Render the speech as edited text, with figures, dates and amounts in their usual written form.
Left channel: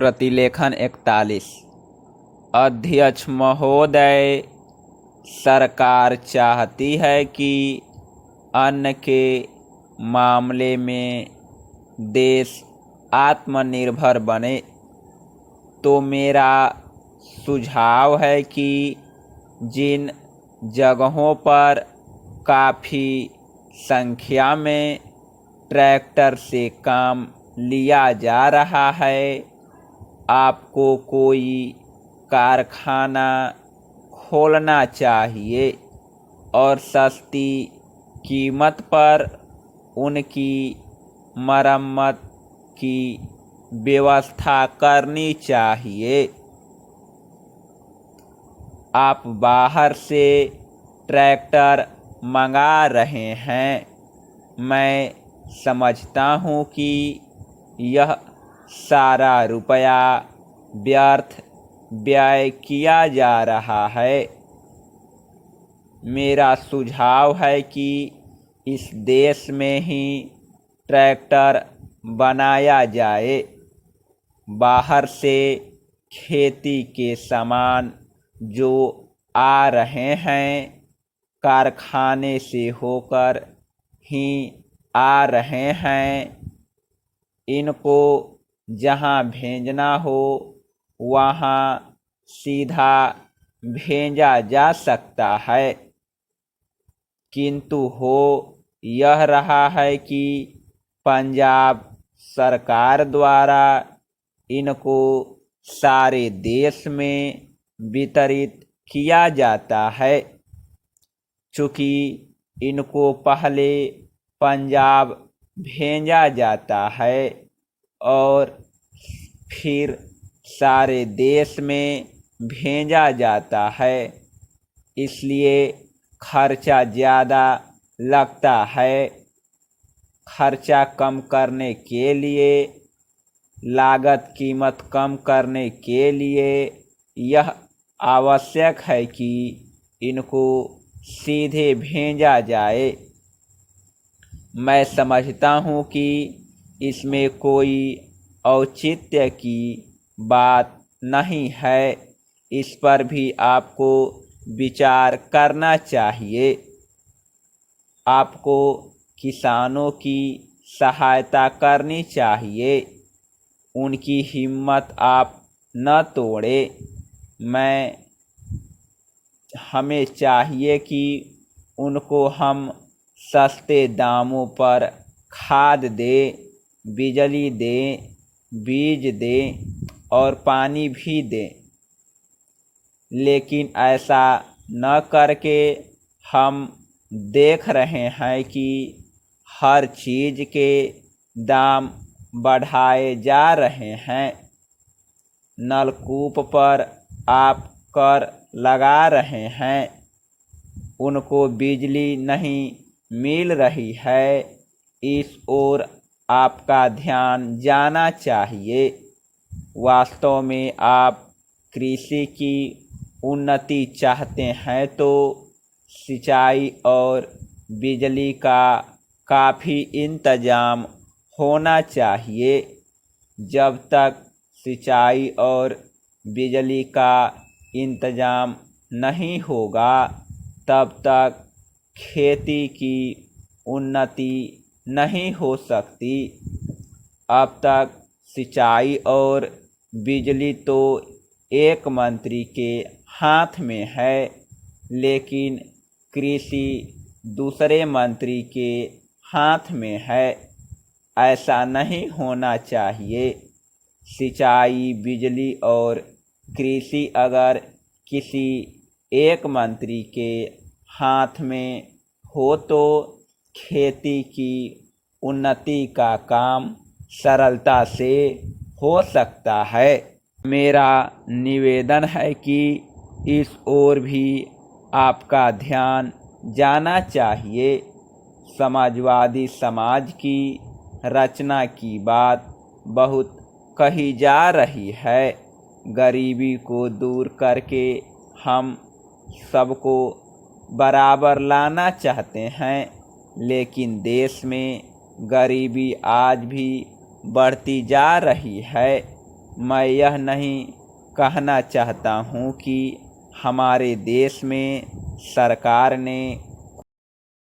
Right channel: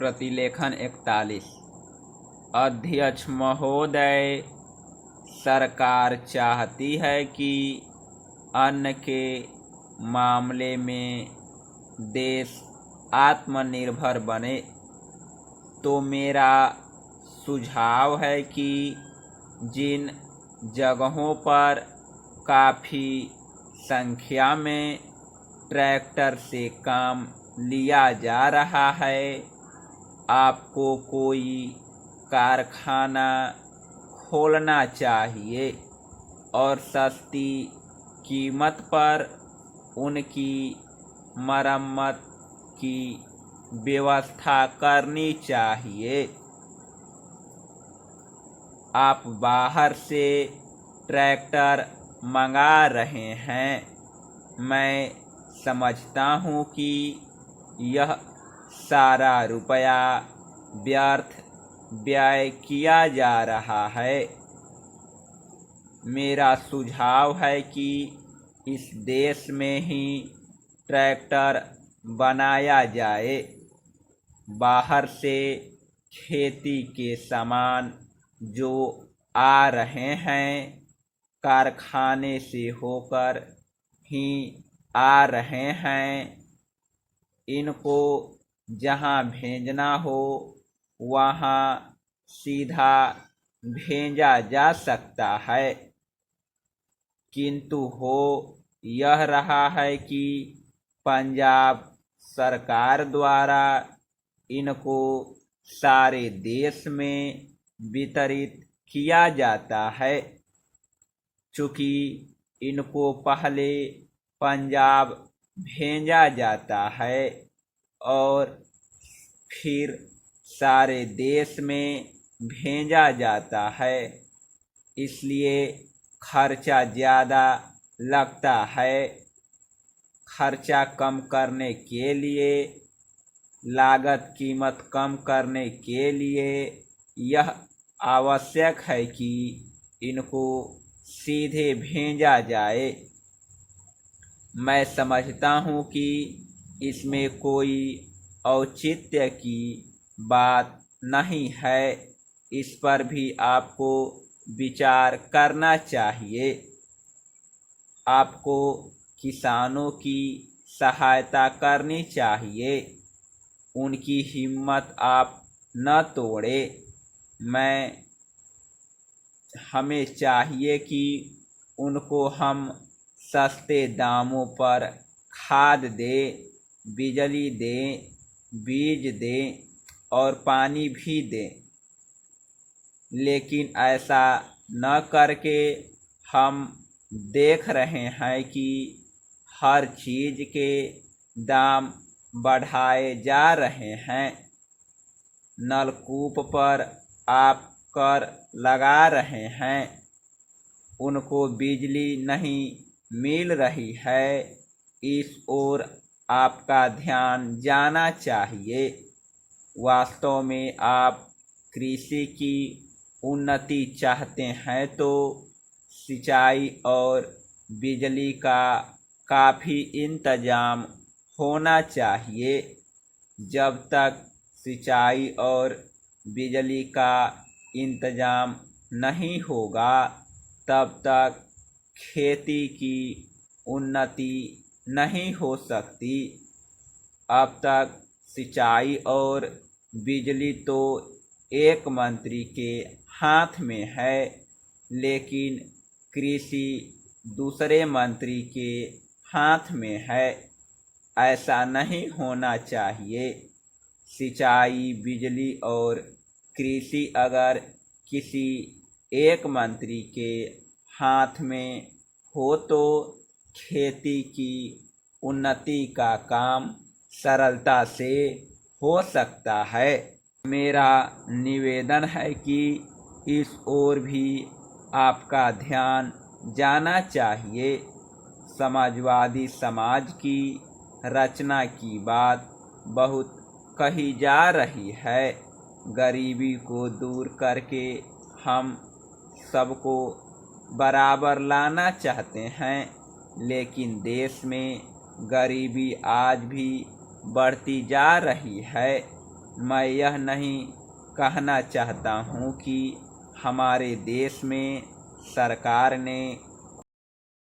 प्रतिलेखन 41। अध्यक्ष महोदय, सरकार चाहती है कि अन्न के मामले में देश आत्मनिर्भर बने, तो मेरा सुझाव है कि जिन जगहों पर काफ़ी संख्या में ट्रैक्टर से काम लिया जा रहा है, आपको कोई कारखाना खोलना चाहिए और सस्ती कीमत पर उनकी मरम्मत की व्यवस्था करनी चाहिए। आप बाहर से ट्रैक्टर मंगा रहे हैं, मैं समझता हूँ कि यह सारा रुपया व्यर्थ व्यय किया जा रहा है। मेरा सुझाव है कि इस देश में ही ट्रैक्टर बनाया जाए। बाहर से खेती के सामान जो आ रहे हैं, कारखाने से होकर ही आ रहे हैं। इनको जहाँ भेजना हो वहाँ सीधा भेजा जा सकता है, किंतु हो यह रहा है कि पंजाब सरकार द्वारा इनको सारे देश में वितरित किया जाता है। चूँकि इनको पहले पंजाब भेजा जाता है और फिर सारे देश में भेजा जाता है, इसलिए खर्चा ज़्यादा लगता है। खर्चा कम करने के लिए, लागत कीमत कम करने के लिए यह आवश्यक है कि इनको सीधे भेजा जाए। मैं समझता हूँ कि इसमें कोई औचित्य की बात नहीं है, इस पर भी आपको विचार करना चाहिए। आपको किसानों की सहायता करनी चाहिए, उनकी हिम्मत आप न तोड़ें। हमें चाहिए कि उनको हम सस्ते दामों पर खाद दें, बिजली दें, बीज दें और पानी भी दें। लेकिन ऐसा न करके हम देख रहे हैं कि हर चीज़ के दाम बढ़ाए जा रहे हैं। नलकूप पर आप कर लगा रहे हैं, उनको बिजली नहीं मिल रही है, इस ओर आपका ध्यान जाना चाहिए। वास्तव में आप कृषि की उन्नति चाहते हैं तो सिंचाई और बिजली का काफ़ी इंतजाम होना चाहिए। जब तक सिंचाई और बिजली का इंतजाम नहीं होगा, तब तक खेती की उन्नति नहीं हो सकती। अब तक सिंचाई और बिजली तो एक मंत्री के हाथ में है, लेकिन कृषि दूसरे मंत्री के हाथ में है। ऐसा नहीं होना चाहिए। सिंचाई, बिजली और कृषि अगर किसी एक मंत्री के हाथ में हो तो खेती की उन्नति का काम सरलता से हो सकता है। मेरा निवेदन है कि इस ओर भी आपका ध्यान जाना चाहिए। समाजवादी समाज की रचना की बात बहुत कही जा रही है। गरीबी को दूर करके हम सबको बराबर लाना चाहते हैं, लेकिन देश में गरीबी आज भी बढ़ती जा रही है। मैं यह नहीं कहना चाहता हूँ कि हमारे देश में सरकार ने